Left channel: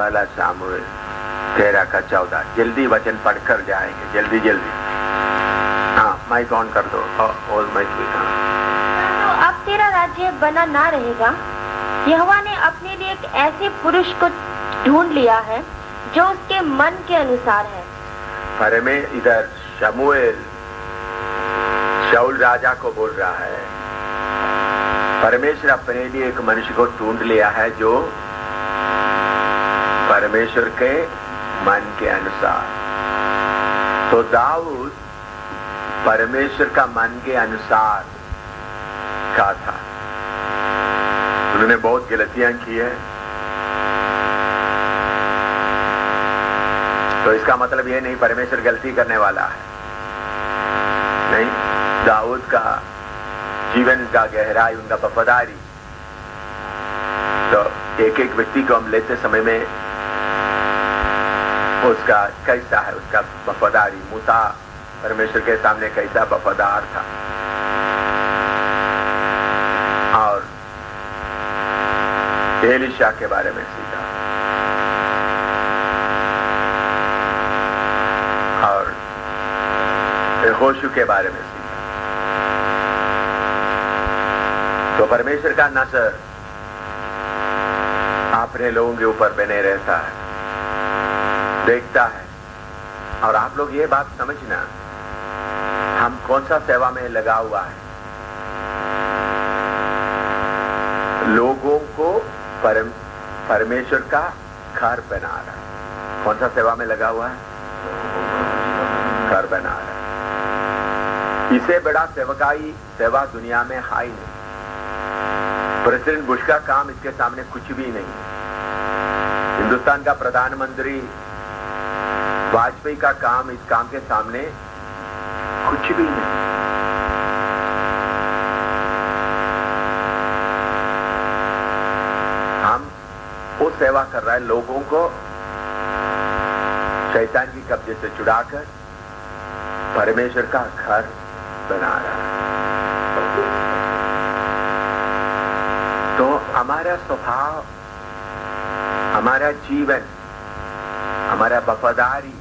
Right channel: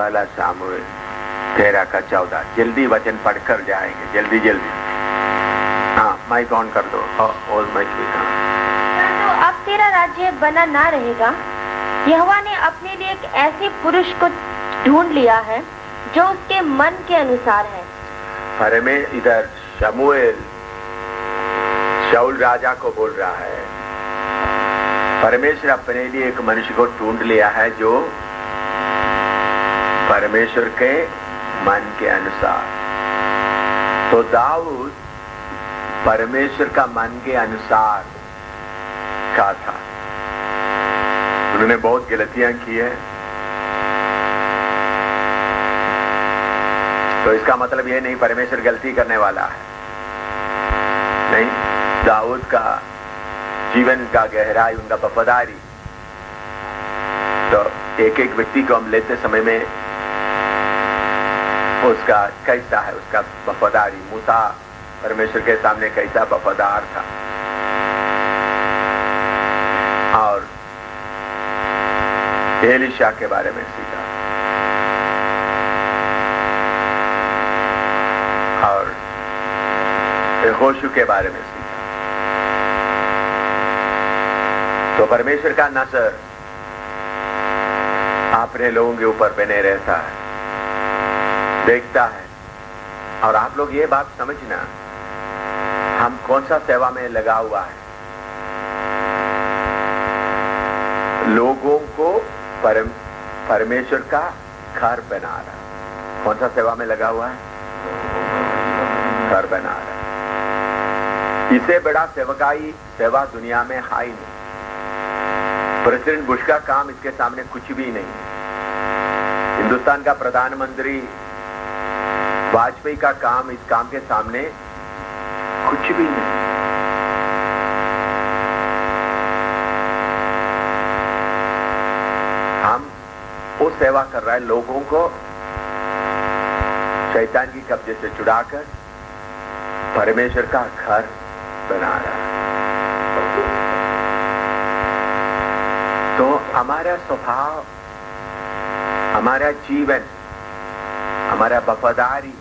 पहला सामुएल 13:14। जल्दी वचन पढ़कर जाएंगे, जल्दी जल्दी। हाँ, माइक ऑन कर दो। और माइक तो अब तेरा राज्य बना ना रहेगा। यहोवा ने अपने लिए एक ऐसे पुरुष को ढूंढ लिया है जो उसके मन के अनुसार है। अरे में इधर शमूएल शाऊल राजा को बोल रहा है, परमेश्वर अपने लिए एक मनुष्य को ढूंढ लिया है जो परमेश्वर के मन के अनुसार। तो दाऊद परमेश्वर का मन के अनुसार का था। उन्होंने बहुत गलतियां की है, तो इसका मतलब यह नहीं परमेश्वर गलती करने वाला है, नहीं। दाऊद का जीवन का गहराई, उनका वफादारी, तो एक एक व्यक्ति को हम लेते समय में उसका कैसा है, उसका वफादारी। मूसा परमेश्वर के सामने कैसा वफादार था, और एलीशा के बारे में सीखा, और यहोशू के बारे में सीखा। तो परमेश्वर का नजर अपने लोगों के ऊपर बने रहता है, देखता है। और आप लोग ये बात समझना, हम कौन सा सेवा में लगा हुआ है। लोगों को परमेश्वर का घर बना रहा है। कौन सा सेवा में लगा हुआ है? घर बना रहा है। इसे बड़ा सेवा दुनिया में है ही नहीं। प्रेसिडेंट बुश का काम इसके सामने कुछ भी नहीं है। हिंदुस्तान का प्रधानमंत्री वाजपेयी का काम इस काम के सामने कुछ भी नहीं। हम वो सेवा कर रहा है, लोगों को शैतान की कब्जे से छुड़ाकर परमेश्वर का घर बना रहा है। तो हमारा स्वभाव, हमारा जीवन, हमारा वफादारी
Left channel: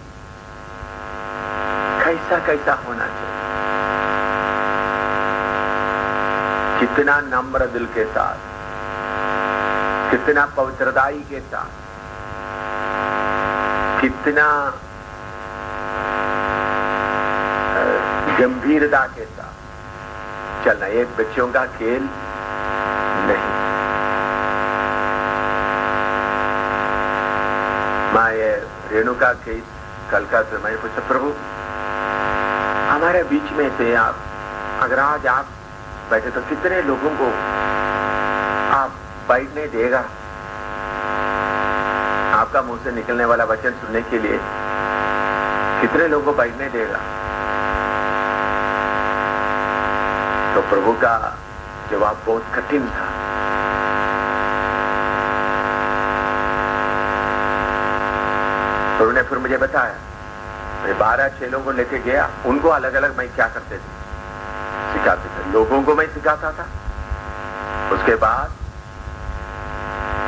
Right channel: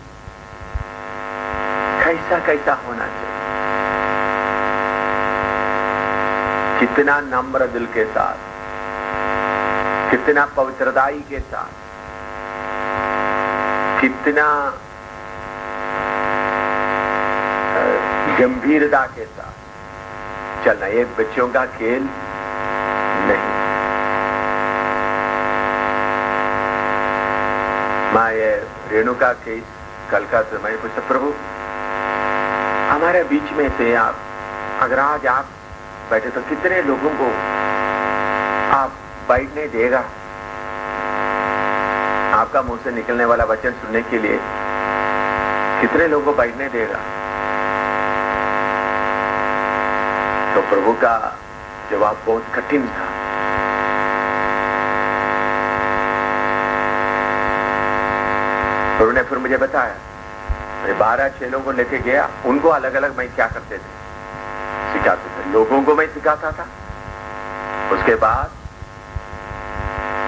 कैसा कैसा होना चाहिए। कितना नम्र दिल के साथ, कितना पवित्रताई के साथ, कितना गंभीरता के साथ चलना। ये बच्चों का खेल नहीं। माँ ये रेणुका के कल का समय पर प्रभु हमारे बीच में से आप अगर आज आप बैठे तो कितने लोगों को आप बैठने देगा। आपका मुंह से निकलने वाला वचन सुनने के लिए कितने लोगों को बैठने देगा। तो प्रभु का जवाब बहुत कठिन था। प्रभु ने फिर मुझे बताया, मैं 12 चेलों को लेके गया, उनको अलग अलग मैं क्या करते थे, सिखाते थे। लोगों को मैं सिखाता था, उसके बाद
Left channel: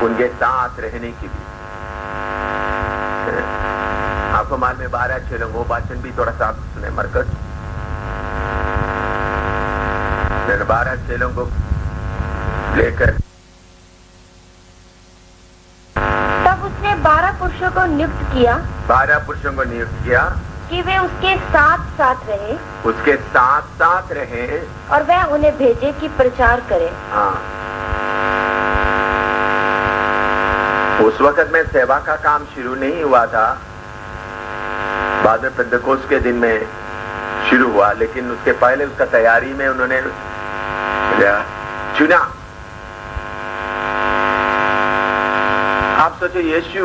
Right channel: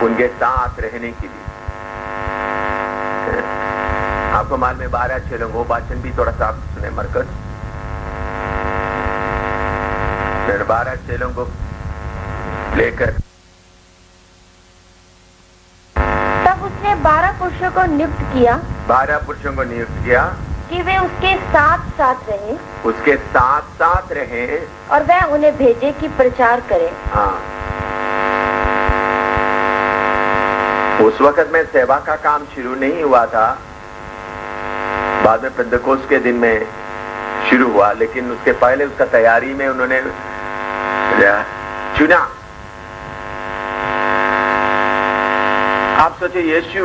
उनके साथ रहने के लिए। आपको माल में 12 चेलों को वाचन भी थोड़ा सा आप सुने मरकज। मैंने 12 चेलों को लेकर तब उसने 12 पुरुषों को नियुक्त किया। 12 पुरुषों को नियुक्त किया कि वे उसके साथ साथ रहे। उसके साथ साथ रहे और वह उन्हें भेजे कि प्रचार करे। हाँ, उस वक्त में सेवा का काम शुरू नहीं हुआ था, बाद में पेंतकोस्त के दिन में शुरू हुआ, लेकिन उसके पहले उसका तैयारी में उन्होंने चुना। आप सोचो, यीशु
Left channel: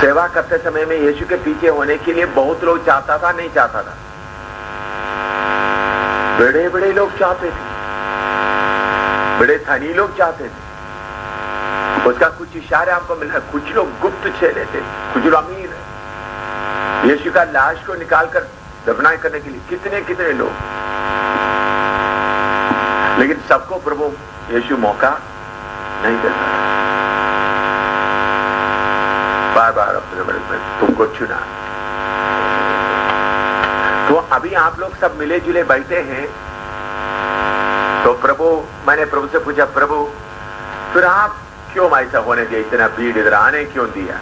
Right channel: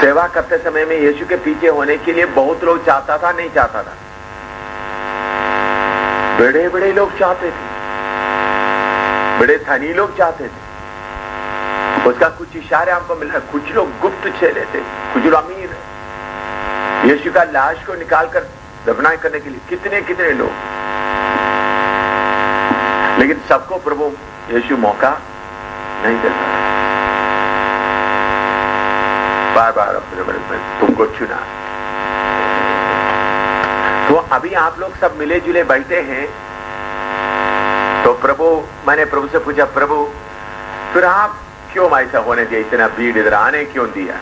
सेवा करते समय में यीशु के पीछे होने के लिए बहुत लोग चाहता था, नहीं चाहता था? बड़े बड़े लोग चाहते थे, बड़े धनी लोग चाहते थे। उसका कुछ इशारे हमको मिला। कुछ लोग गुप्त चेले थे, कुछ लोग अमीर है। यीशु का लाश को निकालकर दफनाई करने के लिए कितने कितने लोग, लेकिन सबको प्रभु यीशु मौका नहीं देता। बार बार अपने बड़े तुमको चुना। तो अभी आप लोग सब मिले जुले बैठे हैं, तो मैंने प्रभु से पूछा, प्रभु फिर आप क्यों ऐसा होने दिया, इतना भीड़ इधर आने क्यों दिया?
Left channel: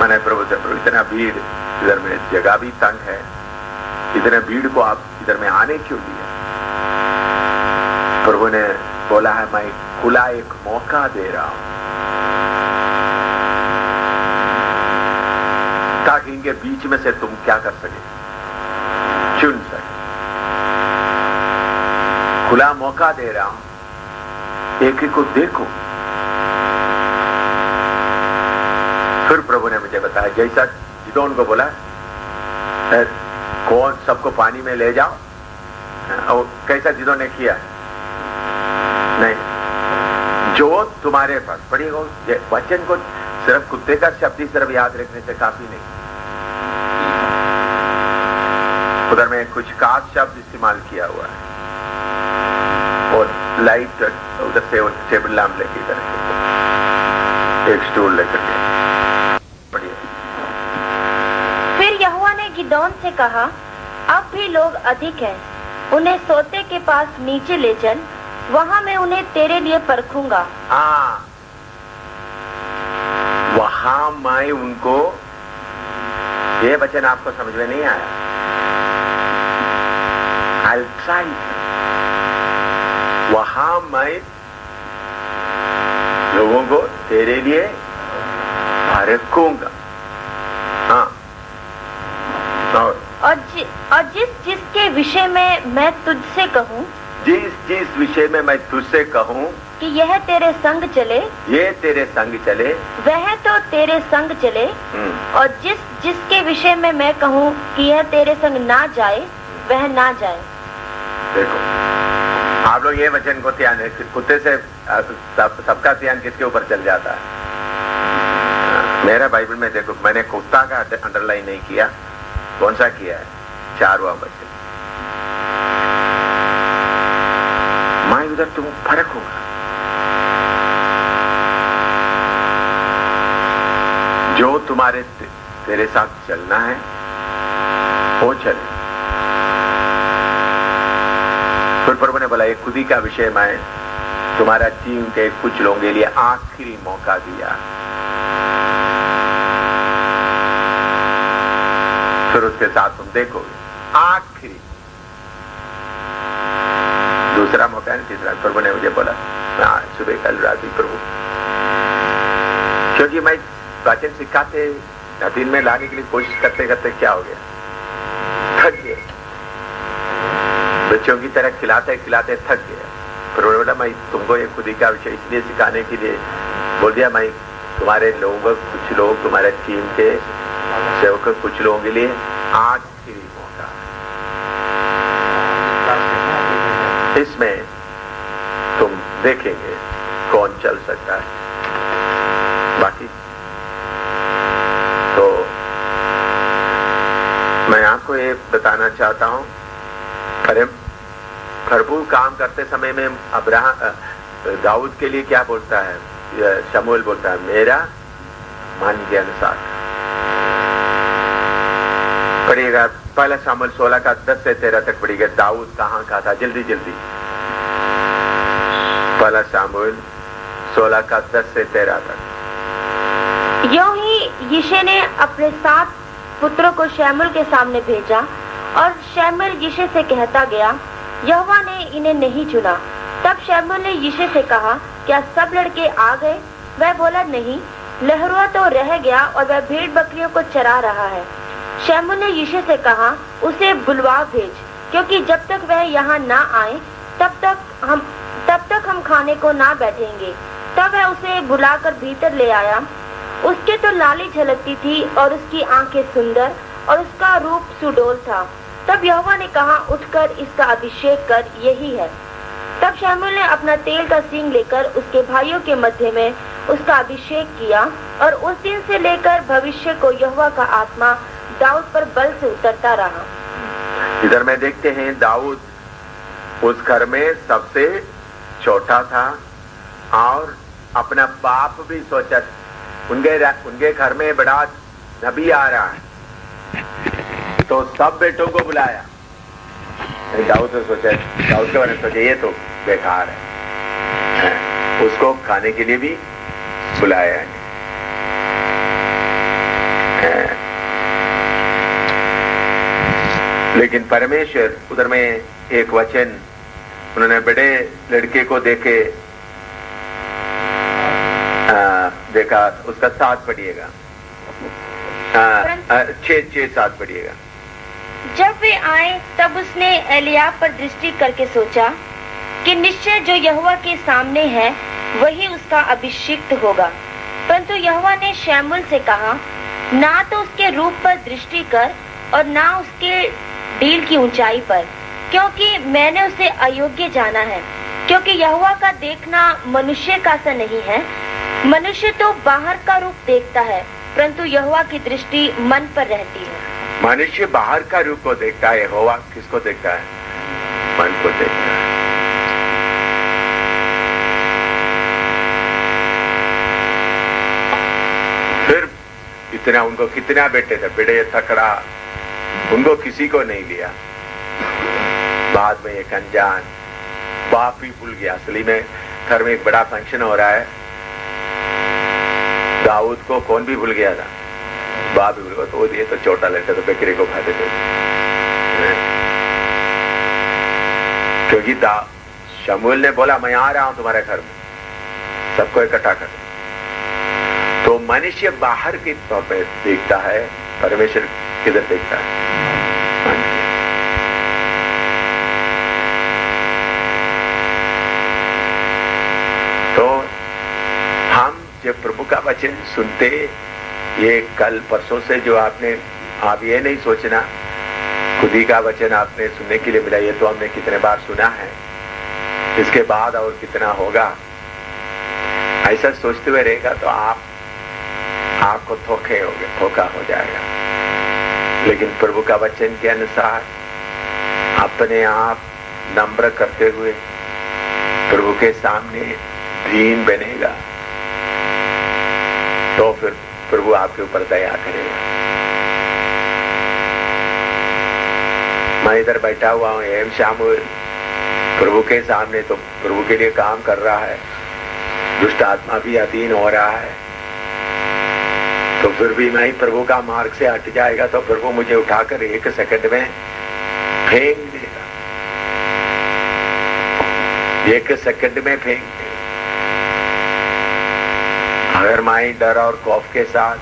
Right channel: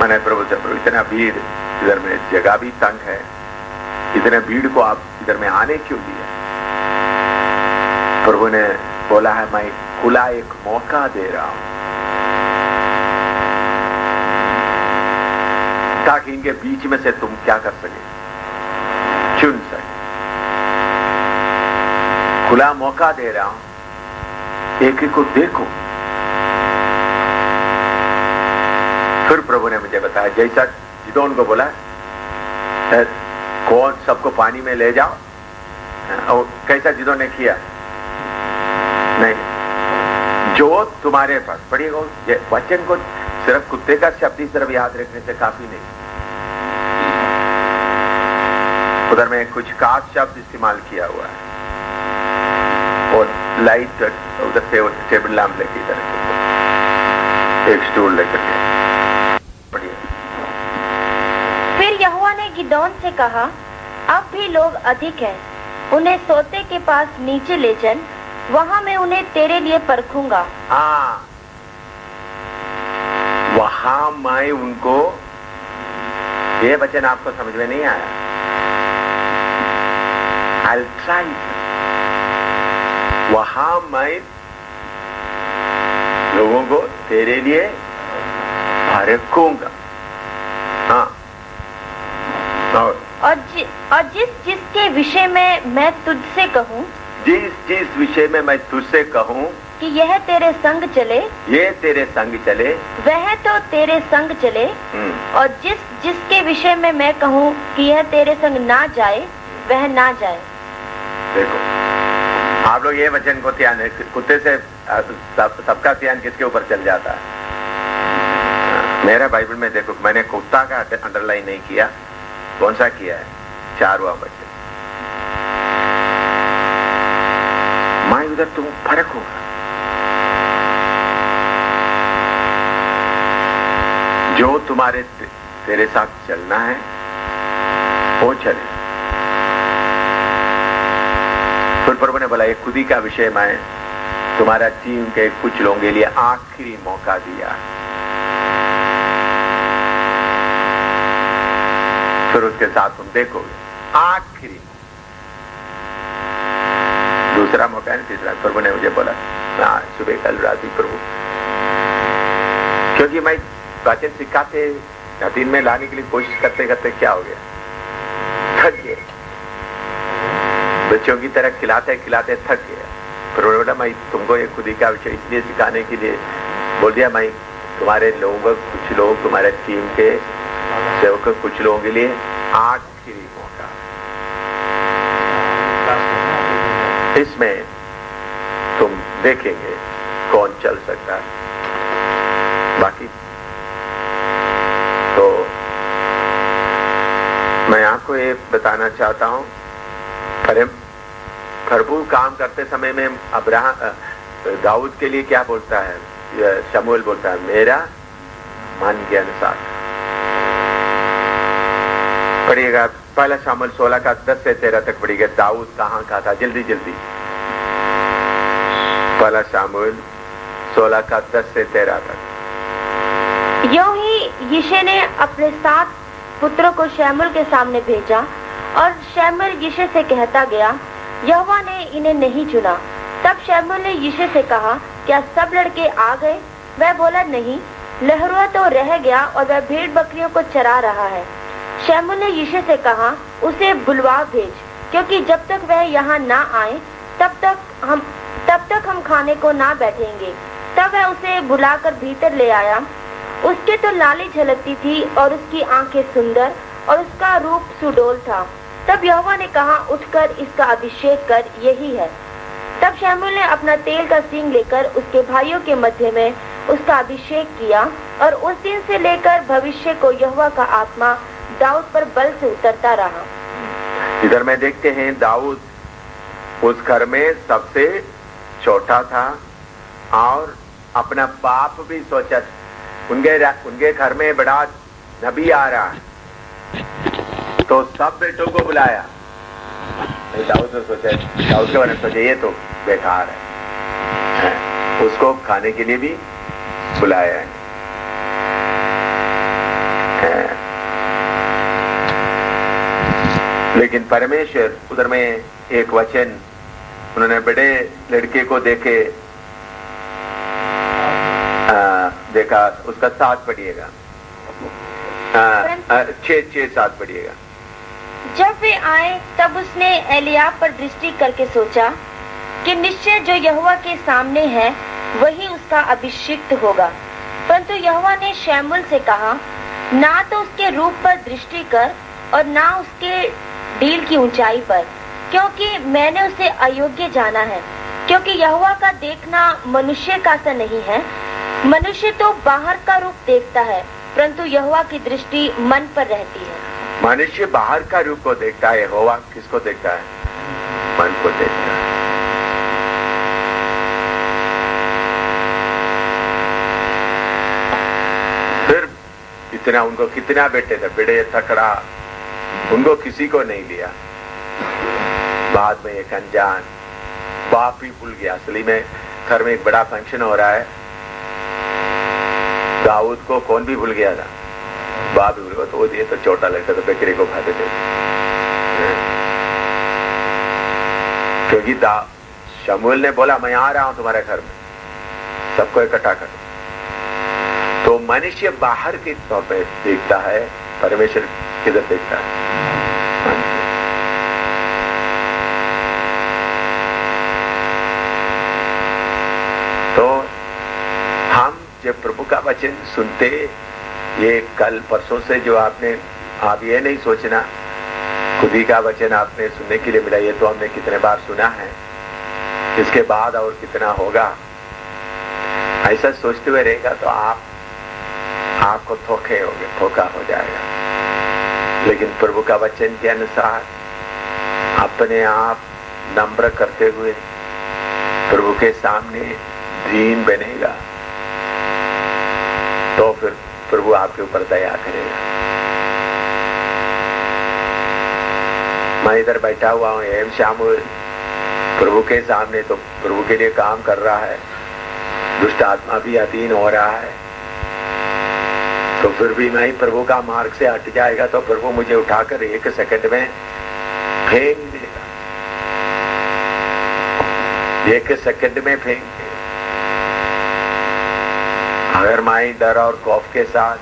मैंने प्रभु से, प्रभु इतना भीड़ इधर में जगह भी तंग है, इतने भीड़ को आप इधर में आने क्यों दिया? प्रभु ने बोला है, मैं खुला एक मौका दे रहा हूं ताकि इनके बीच में से तुम क्या कर सके, चुन सके। खुला मौका दे रहा हूं, एक एक को देखो। फिर प्रभु ने मुझे बताया, जैसा जिदोन को बोला कौन सबको पानी में ले जाओ, और कैसा जिदोन ने किया? नहीं, जो तुम्हारे पास पढ़िएगा वचन को सिर्फ कुत्ते का शब्द सिर्फ याद रखने से काफी नहीं, उधर में कुछ खास शब्द इस्तेमाल किया हुआ है। और लाइट उधर से टेबल लैंप लेके इधर एक स्टूल लेकर के। फिर यहोवा ने गिदोन से कहा, अब भी लोग अधिक हैं, उन्हें सोते के पास नीचे ले चल, वहां मैं उन्हें तेरे लिए परखूंगा। हाँ, वहां मैं उनको, ये वचन आपको समझ में नहीं आया? I'll try. वहां मैं लोगों को तेरे लिए परखूंगा। हाँ, और जिसके विषय में मैं तुझसे कहूँ, जिस विषय में मैं तुझसे कहूँ कि यह तेरे संग चले, ये तेरे संग चले, वह तो तेरे संग चले। और जिसके विषय में मैं कहूँ कि यह तेरे संग ना जाए, वह ना जाए। देखो, आप लोग ये वचन को ध्यान, कुत्ते से सबका ध्यान किसके ऊपर चल जाता है? मेरा बाइबल में देखो, मैंने कुत्ता का अंडरलाइन नहीं किया, कौन सा किया है? 4वां वचन, मैं उधर तुम फर्क होगा। जो तुम्हारे तेरे साथ चलना है वो चले। फिर प्रभु ने बोला, ये खुदी का विषय मैं तुम्हारा टीम के कुछ लोगों के लिए आखिरी मौका दिया। फिर उसके साथ तुम देखोगे आखिरी, दूसरा मौका नहीं, तीसरा। प्रभु ने मुझे बोला, हाँ सुबह कल रात प्रभु, क्योंकि मैं वचन सिखाते दिन में लाने के लिए कोशिश करते करते क्या हो गया, थक गए। बच्चों की तरह खिलाते खिलाते थक गया। प्रभु ने बोला, मैं तुमको ये खुदी का विषय इसलिए सिखाने के लिए बोल दिया, मैं तुम्हारे लोगों, कुछ लोग तुम्हारे टीम के सेवक, कुछ लोगों के लिए आखिरी मौका। इसमें तुम देखेंगे कौन चल सकता है। बाकी तो मैं आपको ये बताना चाहता हूं, भरपूर काम करते समय में दाऊद के लिए क्या बोलता है? शमूएल बोलता है, मेरा मन के अनुसार। पढ़िएगा, पहला शमूएल 16 का 10 से 13 तक पढ़िएगा। दाऊद कहाँ का था? जल्दी जल्दी, पहला शमूएल 16 का 10 से 13 तक। यूं ही यिशै ने अपने 7 पुत्रों को शमूएल के सामने भेजा, और शमूएल यिशै से कहता गया, यहोवा ने इन्हें नहीं चुना। तब शमूएल ने यिशै से कहा, क्या सब लड़के आ गए? वह बोला, नहीं, लहरुआ तो रह गया और वह भेड़ बकरियों को चरा रहा है। शमूएल ने यिशै से कहा, उसे बुलवा भेज, क्योंकि जब तक वह यहाँ ना आए तब तक हम खाने को ना बैठेंगे। तब वह उसे बुलाकर भीतर ले आया। उसके तो लाली झलकती थी और उसकी आंखें सुंदर और उसका रूप सुडौल था। तब यहोवा ने कहा, उठकर इसका अभिषेक कर, यही है। तब शमूएल ने अपना तेल का सींग लेकर उसके भाइयों के मध्य में उसका अभिषेक किया, और उस दिन से लेकर भविष्य को यहोवा का आत्मा दाऊद पर बल से उतरता रहा। इधर में देखते हैं, दाऊद उस घर में सबसे छोटा था, और अपना बाप भी सोचा, उनके घर में बड़ा नबी आ रहा है, तो सब बेटों को बुलाया। दाऊद ने सोचा, दाऊद के बारे में सोचा ये तो बेकार है, उसको खाने के लिए भी बुलाया है। लेकिन परमेश्वर उधर में एक वचन, उन्होंने बड़े लड़के को देखा, उसका 7 पढ़िएगा, 6-7 पढ़िएगा। जब वे आए तब उसने एलियाब पर दृष्टि करके सोचा कि निश्चय जो यहोवा के सामने है वही उसका अभिषिक्त होगा। परंतु यहोवा ने शमूएल से कहा, ना तो उसके रूप पर दृष्टि कर और ना उसके डील की ऊंचाई पर, क्योंकि मैंने उसे अयोग्य जाना है। क्योंकि यहोवा का देखना मनुष्य का सा नहीं है, मनुष्य तो बाहर का रूप देखता है, परंतु यहोवा की दृष्टि मन पर रहती है। मनुष्य बाहर का रूप को देखता है, यहोवा किसको देखता है? मन को देखता है। फिर इतना, उनको कितना बेटे थे, बड़े तकड़ा, उनको किसी को नहीं लिया। बाद में एक अनजान बाप ही भूल गया। असली में घर में एक बड़ा फंक्शन हो रहा है, दाऊद को कौन भी भूल गया था? बाप भी भूल गया। तो ये तो छोटा लड़का, तो बकरे को खा देते, क्योंकि शमूएल ने बोला मैं आ रहा हूं तुम्हारे घर में, सबको इकट्ठा कर। तो मनुष्य बाहर की तौर पर देखता है, परमेश्वर किधर देखता है? तो हम जब प्रभु का वचन सुनते, ये कल परसों से जो आप ये नहीं सोचना खुद ही का वचन आपने सुनने के लिए मिला, ये तो हमने कितने बार सुना है, इसके बाद और कितना होगा, ऐसा सोचते हुए रहेगा तो आपको धोखा हो जाएगा। लेकिन प्रभु का वचन के अनुसार अपने आप नम्र करते हुए प्रभु के सामने दीन बनेगा, तो फिर प्रभु आपके ऊपर दया करेगा। मैं इधर बैठा हुआ हूं, एम शमूएल प्रभु के सामने, तो प्रभु के लिए काम कर रहा है, दुष्ट आत्मा भी अधीन हो रहा है, तो फिर भी मैं प्रभु का मार्ग से हट जाएगा तो प्रभु मुझे उठाकर 1 सेकंड में फेंक देगा, 1 सेकंड में फेंक देगा। अगर मैं डर और खौफ के साथ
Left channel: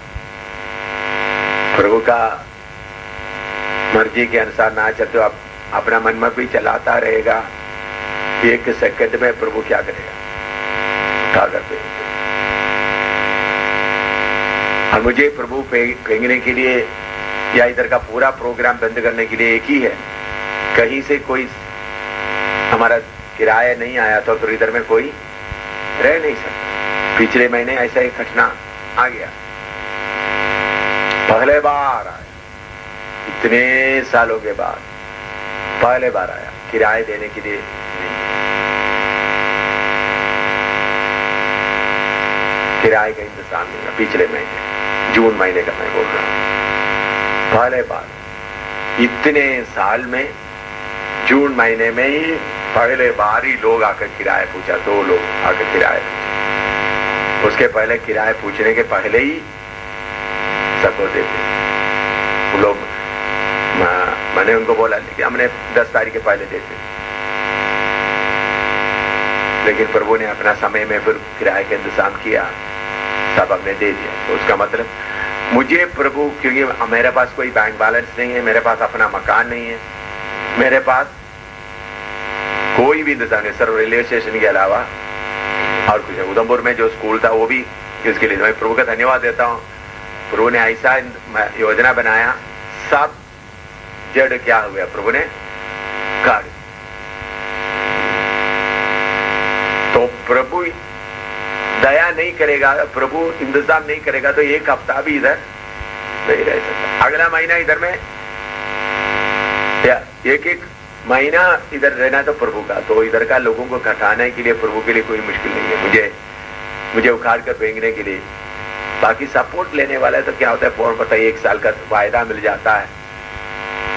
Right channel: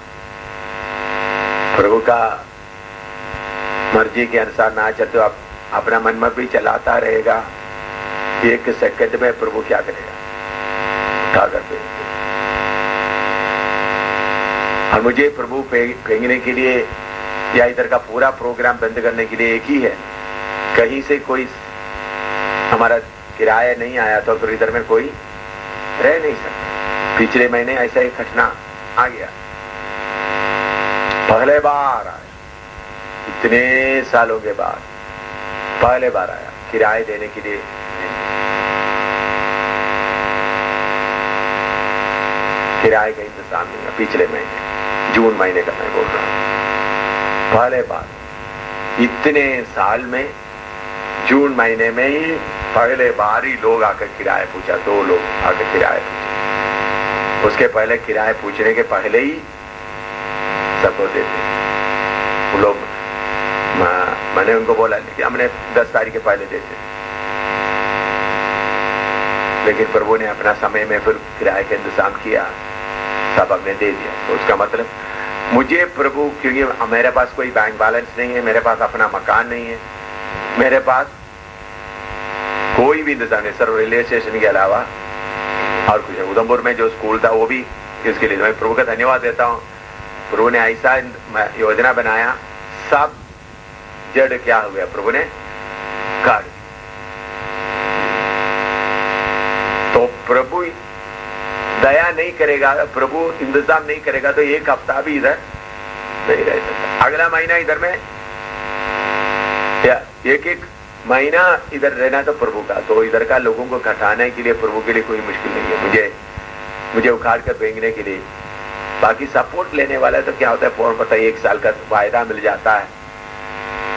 प्रभु का मर्जी के अनुसार ना चलते, आप अपना मन में भी चलाता रहेगा, 1 सेकंड में प्रभु क्या करेगा? उठाकर फेंक देगा। और मुझे प्रभु फेंकने के लिए या इधर का पूरा प्रोग्राम बंद करने के लिए एक ही है, कहीं से कोई हमारा किराया नहीं आया तो फिर इधर में कोई रह नहीं सकता। पिछले महीने ऐसा एक घटना आ गया, पहले बार आया, इतने सालों के बाद पहले बार आया, किराए देने के लिए किराए का इंतजाम नहीं है। पिछले महीने जून महीने का मैं बोल रहा हूं, पहले बार इतने साल में जून महीने में ही पहले बार ही लोग आकर किराया पूछा, 2 लोग आकर किराया पूछा। उसके पहले किराए पूछने के पहले ही सबको देते वो लोग। मैंने उनको बोला कि हमने 10 तारीख के पहले देते, लेकिन प्रभु ने अपना समय में फिर किराए का इंतजाम किया, सब हमने दे दिया। तो उसका मतलब मुझे प्रभु, क्योंकि मेरे पास कोई बैंक बैलेंस नहीं है, मेरे पास अपना मकान नहीं है, मेरे पास कोई भी इंतजाम नहीं, सिर्फ रेलवे स्टेशन के अलावा और कुछ। उधमपुर में जो स्कूल था वो भी किसके लिए, मैं प्रभु का धन्यवाद देता हूँ। प्रभु ने ऐसा योजना बनाया, सब जड़ क्या हो गया, प्रभु ने काट दी। तो प्रभु दया नहीं करेगा, प्रभु इंतजाम नहीं करेगा तो 1 हफ्ता भी इधर नहीं रह सकता। अगला महीना इधर में या एक महीना इधर रहना तो प्रभु का, तो इधर का लोगों को घटाने के लिए प्रभु के लिए कोई मुश्किल नहीं है। मुझे उखाड़ कर फेंकने के लिए, बाकी सपोर्ट लेने वाला है तो क्या होता है, फौरन पता है 1 साल का वायदा मिल जाता है,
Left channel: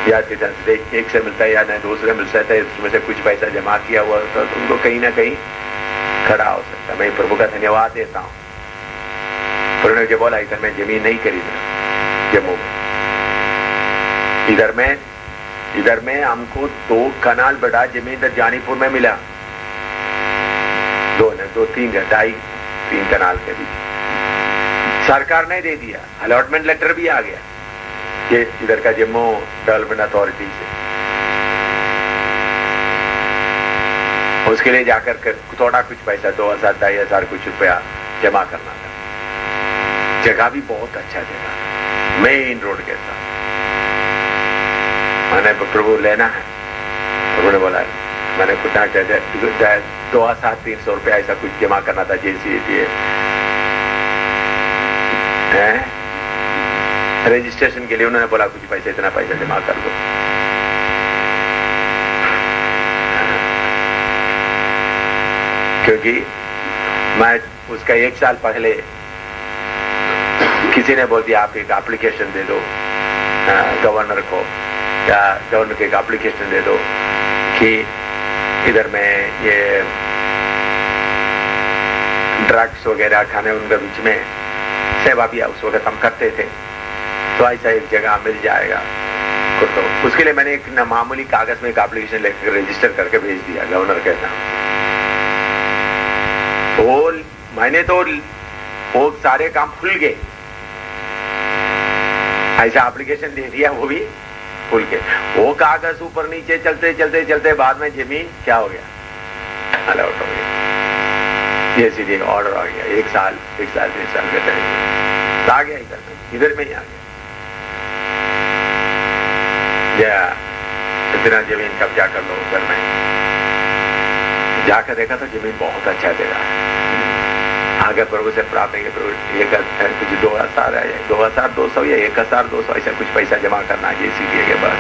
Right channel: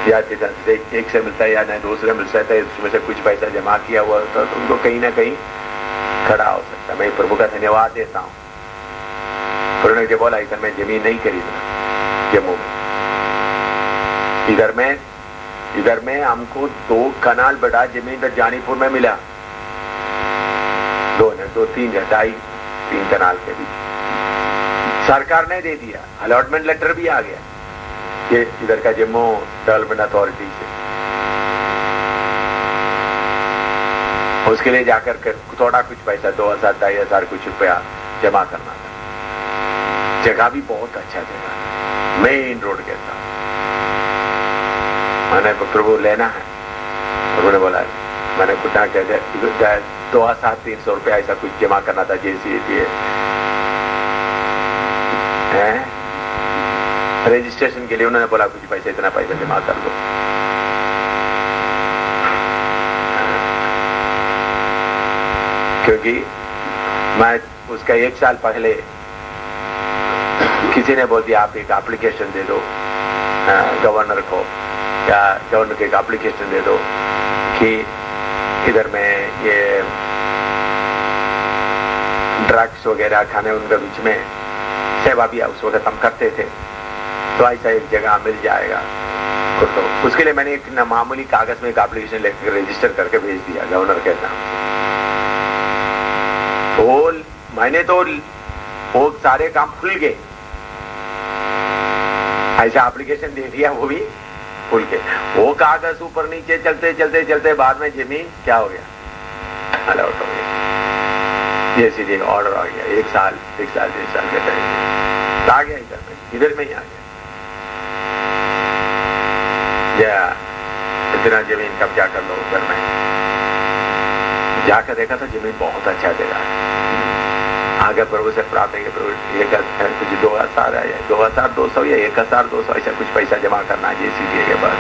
या एक से मिलता है या नहीं दूसरे मिल सकता है, उसमें से कुछ पैसा जमा किया हुआ होता है तो उनको कहीं ना कहीं खड़ा हो सकता है। मैं प्रभु का धन्यवाद देता हूँ। उन्होंने जो बोला इधर में जमीन नहीं खरीदना जम्मू में, इधर में हमको 2 कनाल बड़ा जमीन इधर जानीपुर में मिला, 2-3 कनाल के बीच सरकार ने दे दिया, अलॉटमेंट लेटर भी आ गया ये इधर का जम्मू डेवलपमेंट अथॉरिटी से। उसके लिए जाकर थोड़ा कुछ पैसा 2,000-2,500 कुछ रुपया जमा करना था। जगह भी बहुत अच्छा जगह, मेन रोड के साथ। मैंने प्रभु लेना है, प्रभु ने बोला मैंने कुछ 2,300 रुपया ऐसा कुछ जमा करना था JCA रजिस्ट्रेशन के लिए। उन्होंने बोला कुछ पैसा, इतना पैसा जमा कर दो। क्योंकि मैं उसका 1 साल पहले किसी ने बोल दिया आप एक एप्लीकेशन दे दो गवर्नर को, या गवर्नर को एक एप्लीकेशन दे दो कि इधर में ये ड्रग्स वगैरह खाने उनके बीच में सेवा भी उस वक्त हम करते थे, तो ऐसा एक जगह मिल जाएगा। तो उसके लिए मैंने एक मामूली कागज में एक एप्लीकेशन लेकर रजिस्टर करके भेज दिया गवर्नर के नाम। मैंने तो वो सारे काम खुल गए, ऐसा एप्लीकेशन दे दिया, वो भी खुल के। वो कागज ऊपर नीचे चलते चलते चलते बाद में जमीन क्या हो गया, अलॉट हो गया। ये सीधे ऑर्डर आ गया, 1 साल 1 साल 3 साल के टाइम आ गया, इधर में ही आ गया। इतना जमीन कब्जा कर लो उधर में। जाकर देखा तो जमीन बहुत अच्छा जगह है। आगे प्रभु से प्राप्त है प्रभु कुछ 2,000 है, 2,200 या 1,200 ऐसा कुछ पैसा जमा करना JCA के बाद।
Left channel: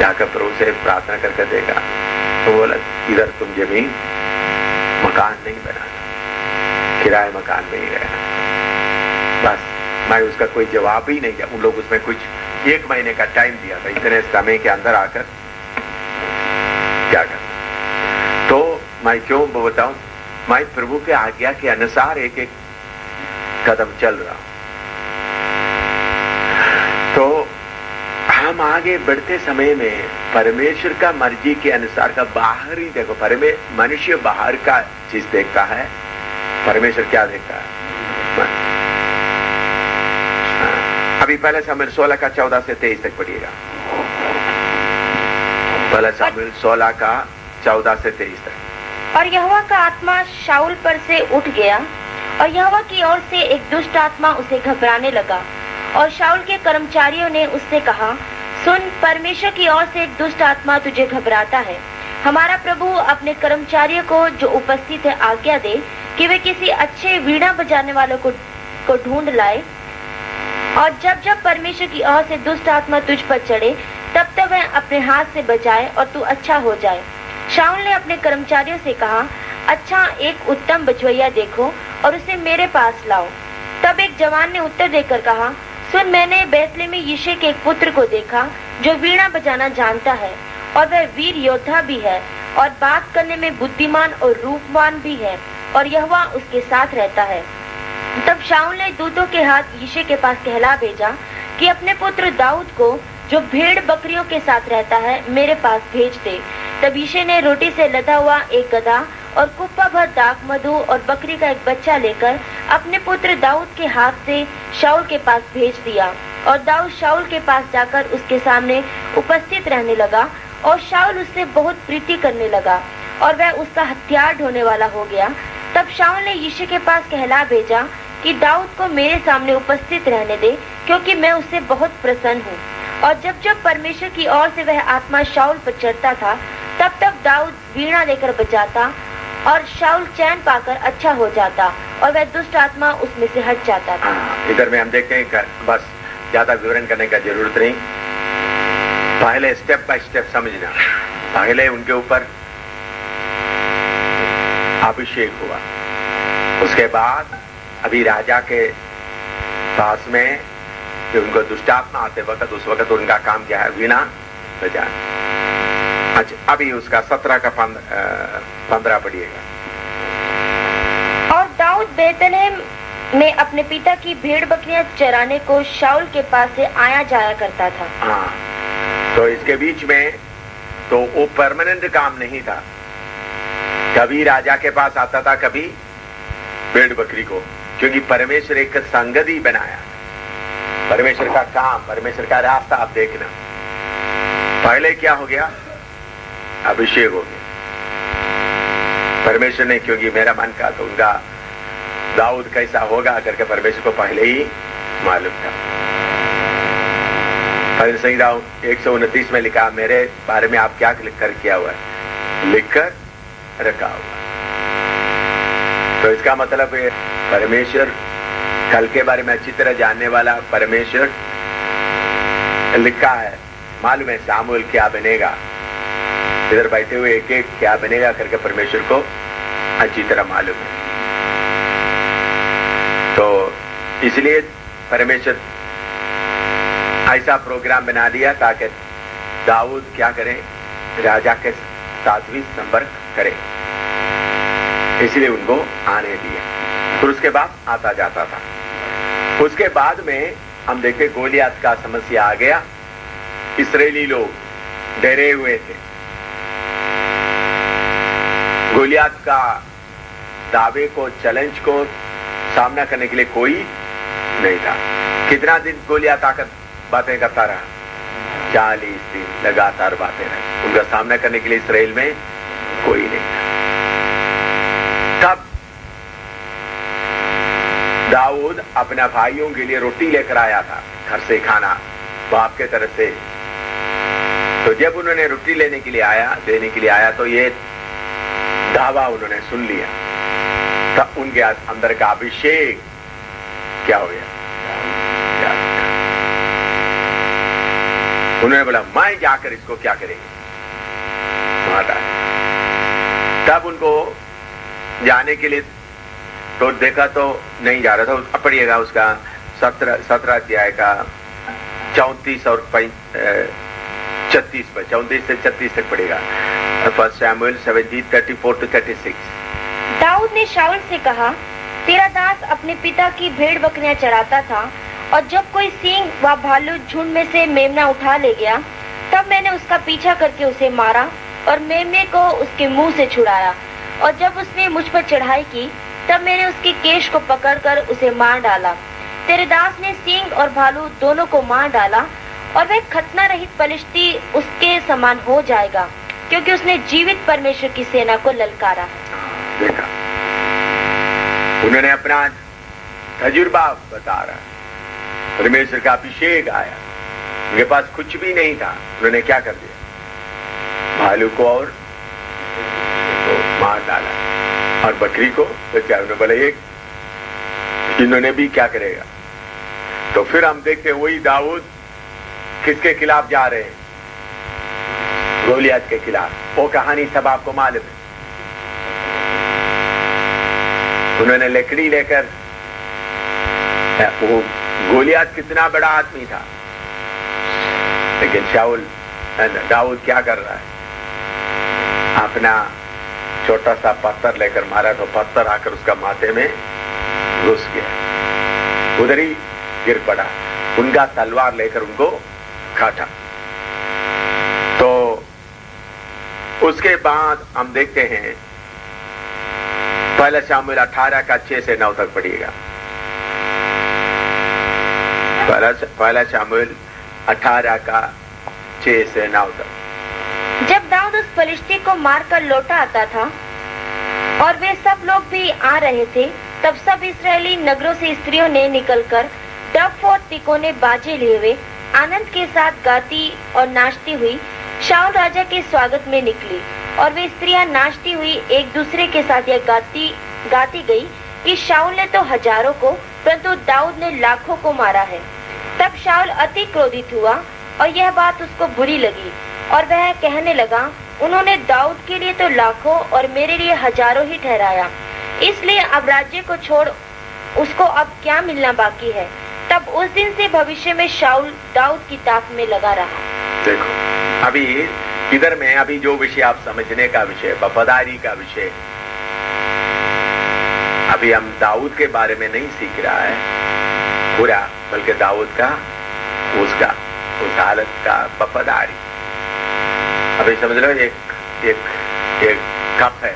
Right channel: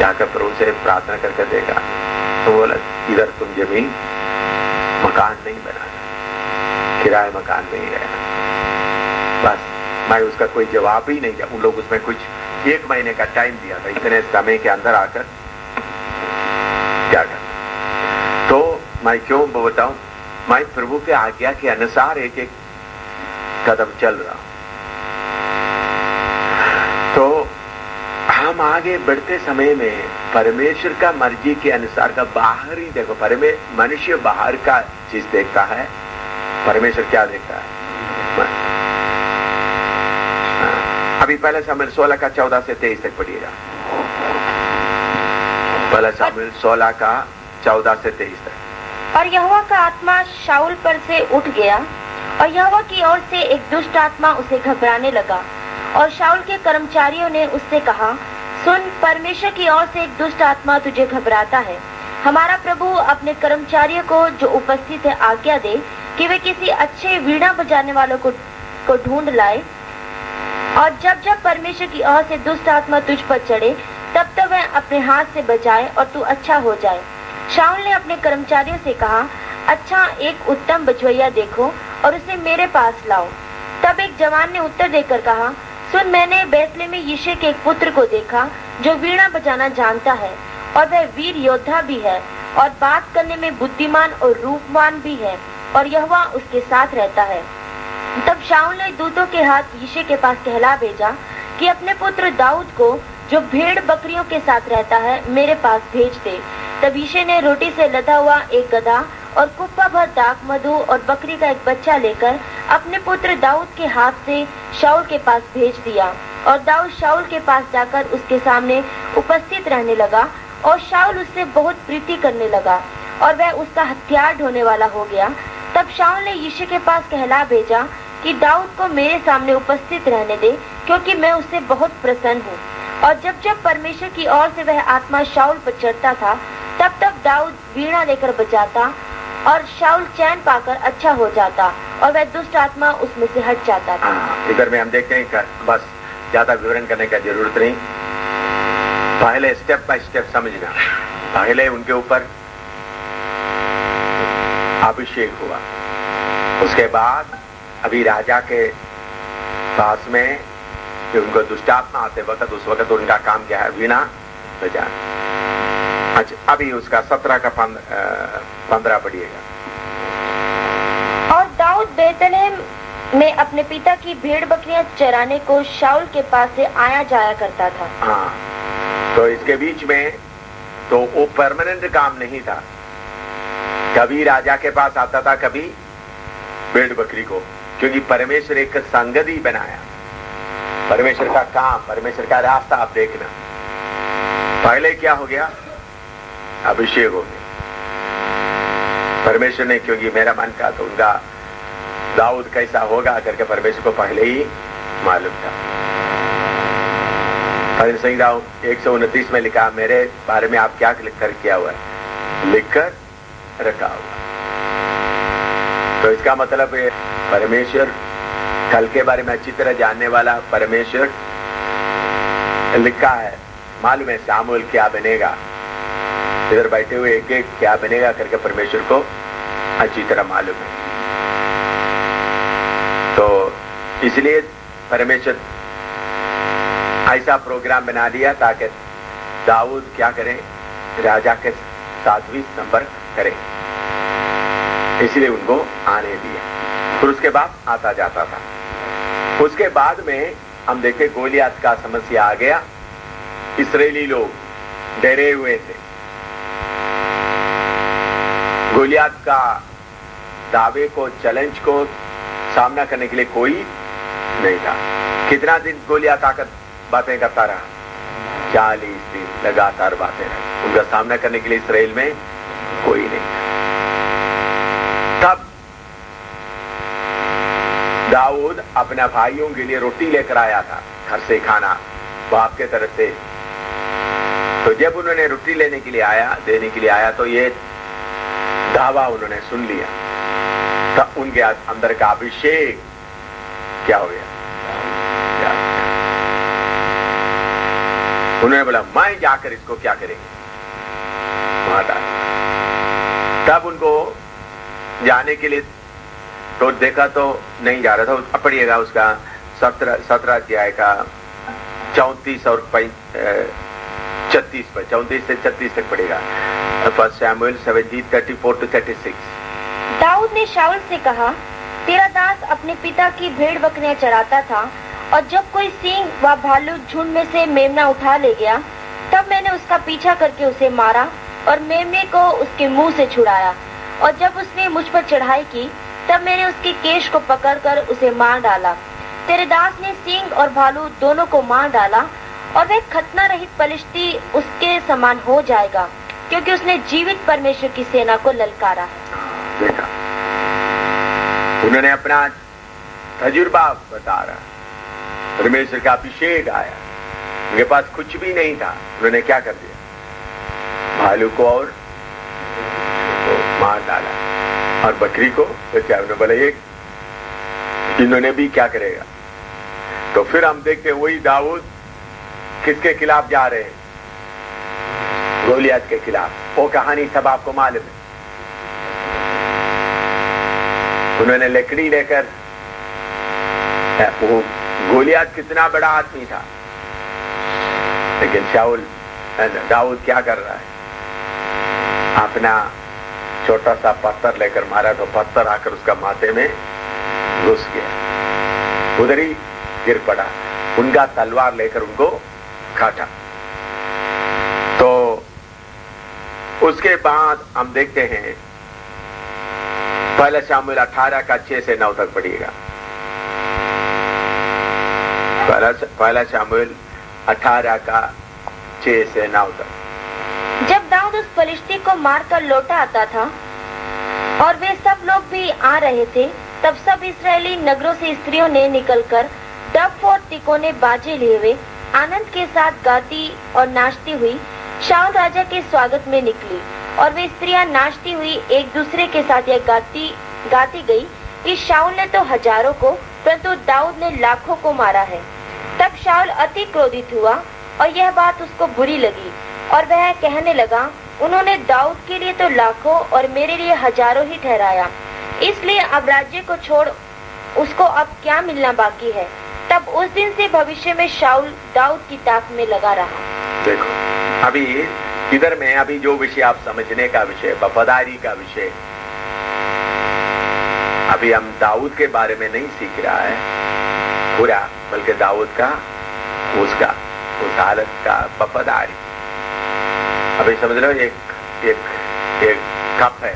जाकर प्रभु से प्रार्थना करके देखा तो बोला इधर तुम जमीन मकान नहीं बनाना, किराए मकान में ही रहना। बस मैं उसका कोई जवाब ही नहीं दिया। उन लोग उसमें कुछ 1 महीने का टाइम दिया था, इतने समय के अंदर आकर क्या करना। तो मैं क्यों बताऊं, मैं प्रभु के आज्ञा के अनुसार एक एक कदम चल रहा। तो हम आगे बढ़ते समय में परमेश्वर का मर्जी के अनुसार का बाहरी देखो, मनुष्य बाहर का चीज देखता है, परमेश्वर क्या देखता है। अभी पहले सामुएल 16 का 14 से 23 तक पढ़िएगा। पहले सामुएल 16 का 14 से 23 तक। और यहोवा का आत्मा शाऊल पर से उठ गया, और यहोवा की ओर से एक दुष्ट आत्मा उसे घबराने लगा। और शाऊल के कर्मचारियों ने उससे कहा, सुन, परमेश्वर की ओर से एक दुष्ट आत्मा तुझे घबराता है। हमारा प्रभु अपने कर्मचारियों को जो उपस्थित है आज्ञा दे कि वे किसी अच्छे वीणा बजाने वालों को ढूंढ लाए, और जब जब परमेश्वर की ओर से दुष्ट आत्मा तुझ पर चढ़े तब तब वह अपने हाथ से बचाए और तू अच्छा हो जाए। शाऊल ने अपने कर्मचारियों से कहा, अच्छा, एक उत्तम बजवैया देखो और उसे मेरे पास लाओ। तब एक जवान ने उत्तर देकर कहा, सुन, मैंने बैतलहम में यिशै के एक पुत्र को देखा जो वीणा बजाना जानता है, और वह वीर योद्धा भी है और बात करने में बुद्धिमान और रूपवान भी है, और यहोवा उसके साथ रहता है। तब शाऊल ने दूतों के हाथ यिशै के पास कहला भेजा कि अपने पुत्र दाऊद को जो भेड़ बकरियों के साथ रहता है मेरे पास भेज दे। तब यिशै ने रोटी से लदा हुआ एक गधा और कुप्पा भर दाख मधु और बकरी का एक बच्चा लेकर अपने पुत्र दाऊद के हाथ से शाऊल के पास भेज दिया। और दाऊद शाऊल के पास जाकर उसके सामने उपस्थित रहने लगा, और शाऊल उससे बहुत प्रीति करने लगा, और वह उसका हथियार ढोने वाला हो गया। तब शाऊल ने यिशै के पास कहला भेजा कि दाऊद को मेरे सामने उपस्थित रहने दे, क्योंकि मैं उससे बहुत प्रसन्न हूँ। और जब जब परमेश्वर की ओर से वह आत्मा शाऊल पर चढ़ता था तब तब दाऊद वीणा लेकर बजाता, और शाऊल चैन पाकर अच्छा हो जाता, और वह दुष्ट आत्मा उसमें से हट जाता था। इधर में हम देखते हैं, बस ज्यादा विवरण करने का जरूरत नहीं। पहले स्टेप बाय स्टेप समझना। पहले उनके ऊपर अभिषेक हुआ, उसके बाद अभी राजा के पास में कि उनको दुष्टात्मा आते वक्त उस वक्त उनका काम क्या है, वीणा बजाना। अच्छा, अभी उसका 17 का 15 पढ़िएगा। और दाऊद बेतलेहम में अपने पिता की भेड़ बकरियां चराने को शाऊल के पास से आया जाया करता था। हाँ, तो इसके बीच में तो वो परमानेंट काम नहीं था, कभी राजा के पास आता था, कभी भेड़ बकरी को, क्योंकि परमेश्वर एक संगति बनाया। परमेश्वर का काम, परमेश्वर का रास्ता आप देखना। पहले क्या हो गया, अभिषेक हो गया परमेश्वर ने, क्योंकि मेरा मन का तो उनका दाऊद कैसा होगा करके परमेश्वर को पहले ही मालूम था। भजन संहिता 129 में लिखा, मेरे बारे में आप क्या लिखकर किया हुआ है, लिखकर रखा हुआ। तो इसका मतलब है परमेश्वर कल के बारे में अच्छी तरह जानने वाला परमेश्वर लिखा है, मालूम है शामुएल क्या बनेगा, इधर बैठे हुए एक एक क्या बनेगा करके परमेश्वर को अच्छी तरह मालूम है। तो इसलिए परमेश्वर ऐसा प्रोग्राम बना दिया ताकि दाऊद क्या करे, राजा के साथ भी संपर्क करे, इसलिए उनको आने दिया। फिर उसके बाद आता जाता था। उसके बाद में हम देखते गोलियत का समस्या आ गया। इस्राएली लोग डरे हुए थे, गोलियत का दावे को, चैलेंज को सामना करने के लिए कोई नहीं था। कितना दिन गोलियत आकर बातें करता रहा, 40 दिन लगातार बातें रही, उनका सामना करने के लिए इस्राएल में कोई नहीं था। तब दाऊद अपने भाइयों के लिए रोटी लेकर आया था घर से, खाना बाप के तरफ से। तो जब उन्होंने रोटी देने के लिए आया तो ये दावा उन्होंने सुन लिया। तब उनके अंदर का अभिषेक क्या हो गया, उन्होंने बोला मैं जाकर इसको क्या करेंगे, मार डाल। तब उनको जाने के लिए तो देखा तो नहीं जा रहा था। पढ़िएगा उसका 17 अध्याय का 34 और 36 पर, 34 से 36 तक पढ़ेगा। फर्स्ट शमूएल 17:34-36। दाऊद ने शाऊल से कहा, तेरा दास अपने पिता की भेड़ बकरियां चराता था, और जब कोई सिंह व भालू झुंड में से मेमना उठा ले गया, तब मैंने उसका पीछा करके उसे मारा और मेमने को उसके मुंह से छुड़ाया। और जब उसने मुझ पर चढ़ाई की, तब मैंने उसके केश को पकड़कर उसे मार डाला। तेरे दास ने सिंह और भालू दोनों को मार डाला, और वह खतना रहित पलिश्ती उसके समान हो जाएगा, क्योंकि उसने जीवित परमेश्वर की सेना को ललकारा। देखा, उन्होंने अपना तजुर्बा बता रहा, परमेश्वर का अभिषेक आया, उनके पास कुछ भी नहीं था, उन्होंने क्या कर दिया, भालू को और मार डाला, और बकरी को तो क्या उन्होंने बोला एक, इन्होंने भी क्या करेगा। तो फिर हम देखते वही दाऊद किसके खिलाफ जा रहे हैं, गोलियत के खिलाफ। वो कहानी सब आपको मालूम है। उन्होंने लकड़ी लेकर, वो गोलियत कितना बड़ा आदमी था, लेकिन दाऊद क्या कर रहा है, अपना छोटा सा पत्थर लेकर मारा, तो पत्थर आकर उसका माथे में घुस गया, उधर ही गिर पड़ा। उनका तलवार लेकर उनको काटा। तो उसके बाद हम देखते हैं पहला शमूएल 18 का 6 से 9 तक पढ़िएगा। पहला शमूएल 18 का 6 से 9 तक। जब दाऊद उस फलिश्ती को मारकर लौटा आता था और वे सब लोग भी आ रहे थे, तब सब इस्राएली नगरों से स्त्रियों ने निकलकर डफ और तिकोने बाजे लिए हुए आनंद के साथ गाती और नाचती हुई शाऊल राजा के स्वागत में निकली। और वे स्त्रियां नाचती हुई एक दूसरे के साथ यह गाती गई कि शाऊल ने तो हजारों को, परंतु दाऊद ने लाखों को मारा है। तब शाऊल अति क्रोधित हुआ और यह बात उसको बुरी लगी और वह कहने लगा, उन्होंने दाऊद के लिए तो लाखों और मेरे लिए हजारों ही ठहराया, इसलिए अब राज्य को छोड़ उसको अब क्या मिलना बाकी है। तब उस दिन से भविष्य में शाऊल दाऊद की ताक में लगा रहा। देखो अभी इधर में अभी जो विषय आप समझने का विषय, वफादारी का विषय, अभी हम दाऊद के बारे में नहीं सीख रहा है पूरा, बल्कि दाऊद का उस हालत का वफादारी। अभी समझ लो एक कप है,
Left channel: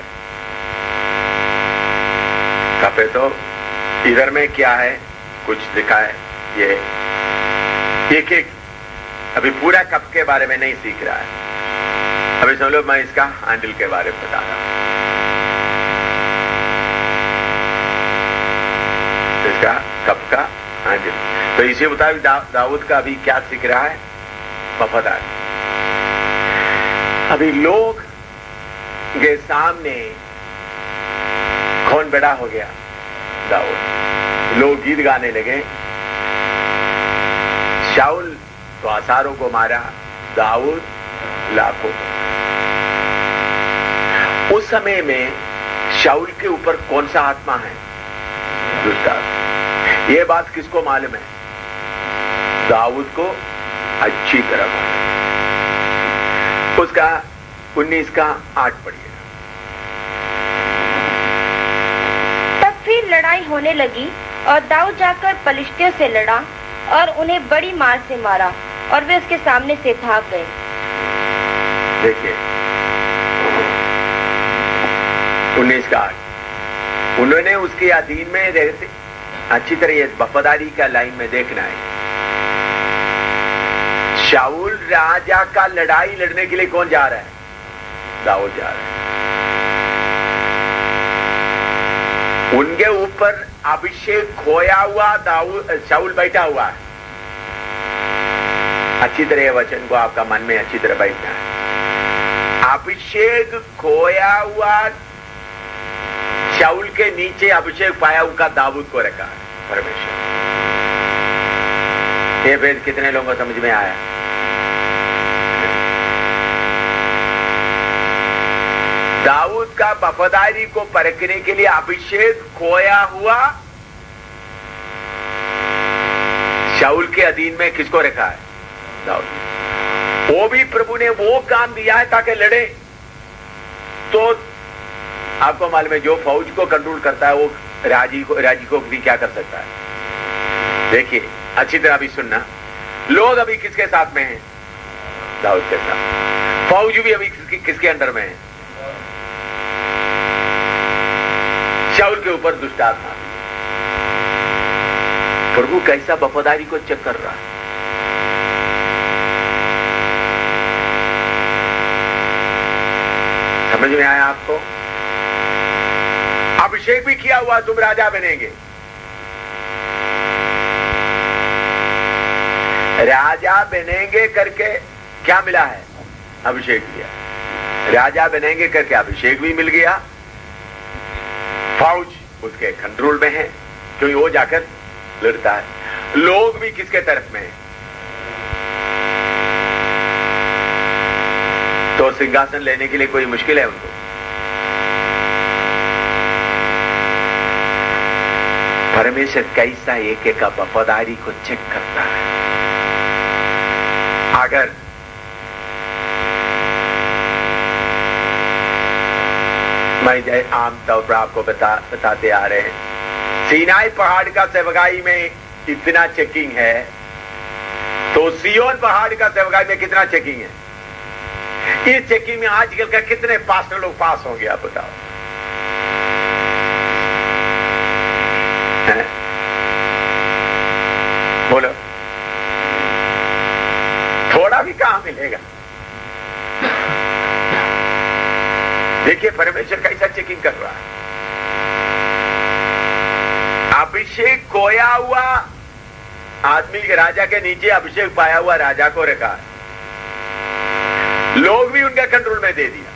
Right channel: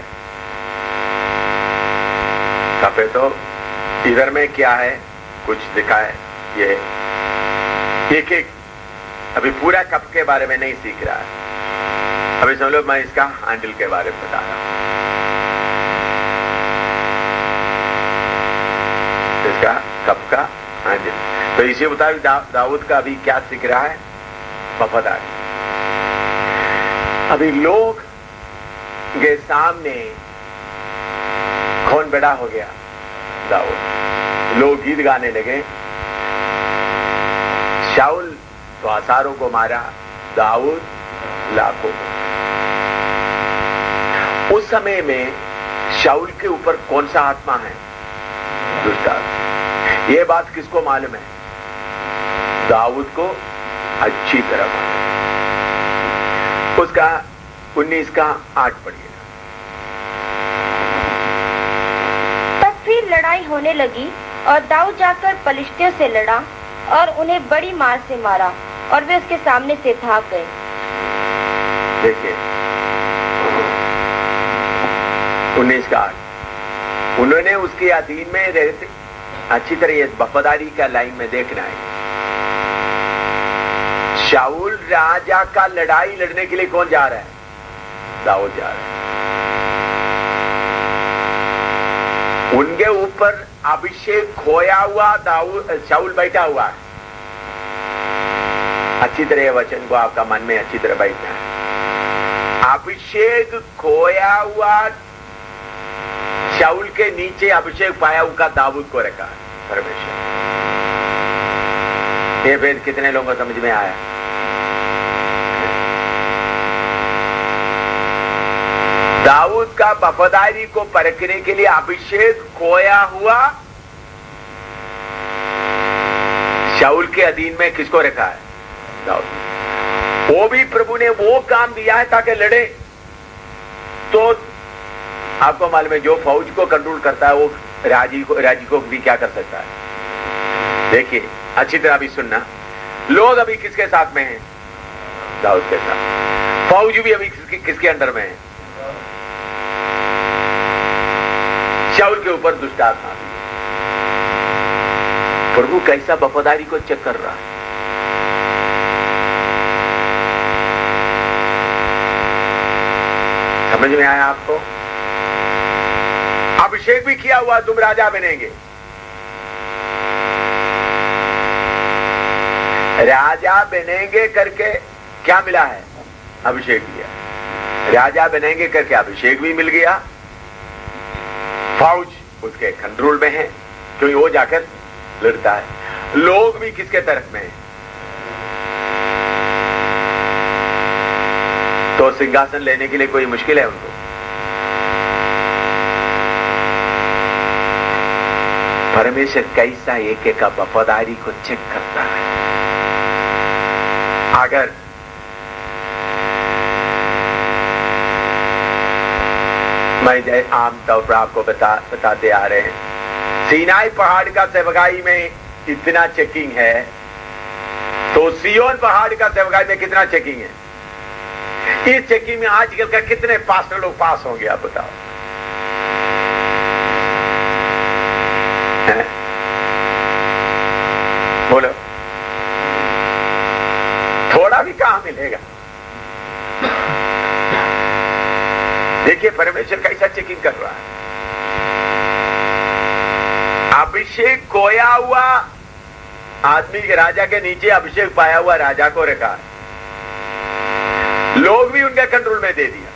तो इधर में क्या है, कुछ लिखा है, ये एक अभी पूरा कप के बारे में नहीं सीख रहा है। अभी समझ लो मैं इसका हैंडल के बारे में बता रहा हूं, इसका कप का हैंडल। तो इसी मुताबिक दाऊद का अभी क्या सीख रहा है, वफादारी। अभी लोग के सामने कौन बड़ा हो गया, दाऊद। लोग गीत गाने लगे, शाऊल तो हजारों को मारा, दाऊद लाखों को। उस समय में शाऊल के ऊपर कौन सा आत्मा है, दुष्ट आत्मा। ये बात किसको मालूम है, दाऊद को अच्छी तरह मालूम। उसका 19 का 8 पढ़िएगा। तब फिर लड़ाई होने लगी और दाऊद जाकर पलिश्तियों से लड़ा और उन्हें बड़ी मार से मारा और वे उसके सामने से भाग गए। देखिए 19 का 8, उन्होंने उसके अधीन में रहते, अच्छी तरह ये वफादारी का लाइन में देखना है। शाऊल राजा का लड़ाई लड़ने के लिए कौन जा रहा है, दाऊद जा रहा है। उनके ऊपर अभिषेक खोया हुआ शाऊल बैठा हुआ है। अच्छी तरह वचन को आपका मन में अच्छी तरह बैठना है। अभिषेक खोया हुआ शाऊल के नीचे अभिषेक पाया हुआ दाऊद को रखा है परमेश्वर। ये भेद कितने लोगों को समझ में आया? दाऊद का वफादारी को परखने के लिए अभिषेक खोया हुआ शाऊल के अधीन में किसको रखा है, दाऊद। वो भी प्रभु ने वो काम दिया है ताकि लड़े। तो आपको मालूम है जो फौज को कंट्रोल करता है वो राजी को भी क्या कर सकता है। देखिए अच्छी तरह भी सुनना, लोग अभी किसके साथ में हैं, दाऊद के साथ। फौज भी अभी किसके अंडर में है, शाऊल के ऊपर दुष्ट आत्मा। प्रभु कैसा वफादारी को चेक कर रहा है। समझ में आया आपको? अभिषेक भी किया हुआ, तुम राजा बनेंगे। राजा बनेंगे करके क्या मिला है, अभिषेक दिया। राजा बनेंगे करके अभिषेक भी मिल गया, फौज उसके कंट्रोल में है क्योंकि वो जाकर लड़ता है। लोग भी किसके तरफ में है, तो सिंहासन लेने के लिए कोई मुश्किल है उनको। परमेश्वर कैसा एक एक का वफादारी को चेक करता है। अगर मैं आम तौर पर आपको बताते आ रहे हैं, सीनाई पहाड़ का सेवकाई में इतना चेकिंग है, तो सियोन पहाड़ का सेवकाई में कितना चेकिंग है। इस चेकिंग में आजकल का कितने पास्टर लोग पास होंगे आप बताओ। बोलो, थोड़ा भी कहां मिलेगा। देखिए परमेश्वर कैसा चेकिंग कर रहा है। अभिषेक खोया हुआ आदमी के राजा के नीचे अभिषेक पाया हुआ राजा को रखा है, लोग भी उनके कंट्रोल में दे दिया,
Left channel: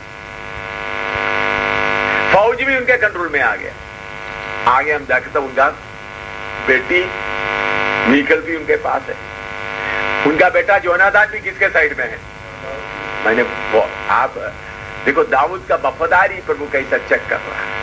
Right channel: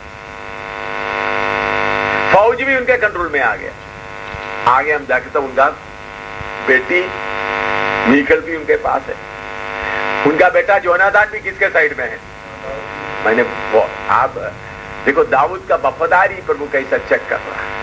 फौज भी उनके कंट्रोल में आ गया। आगे हम जाके तो उनका बेटी मीकल भी उनके पास है। उनका बेटा जोनाथन भी किसके साइड में है? मैंने वो आप देखो, दाऊद का वफादारी प्रभु कैसा चेक कर रहा है।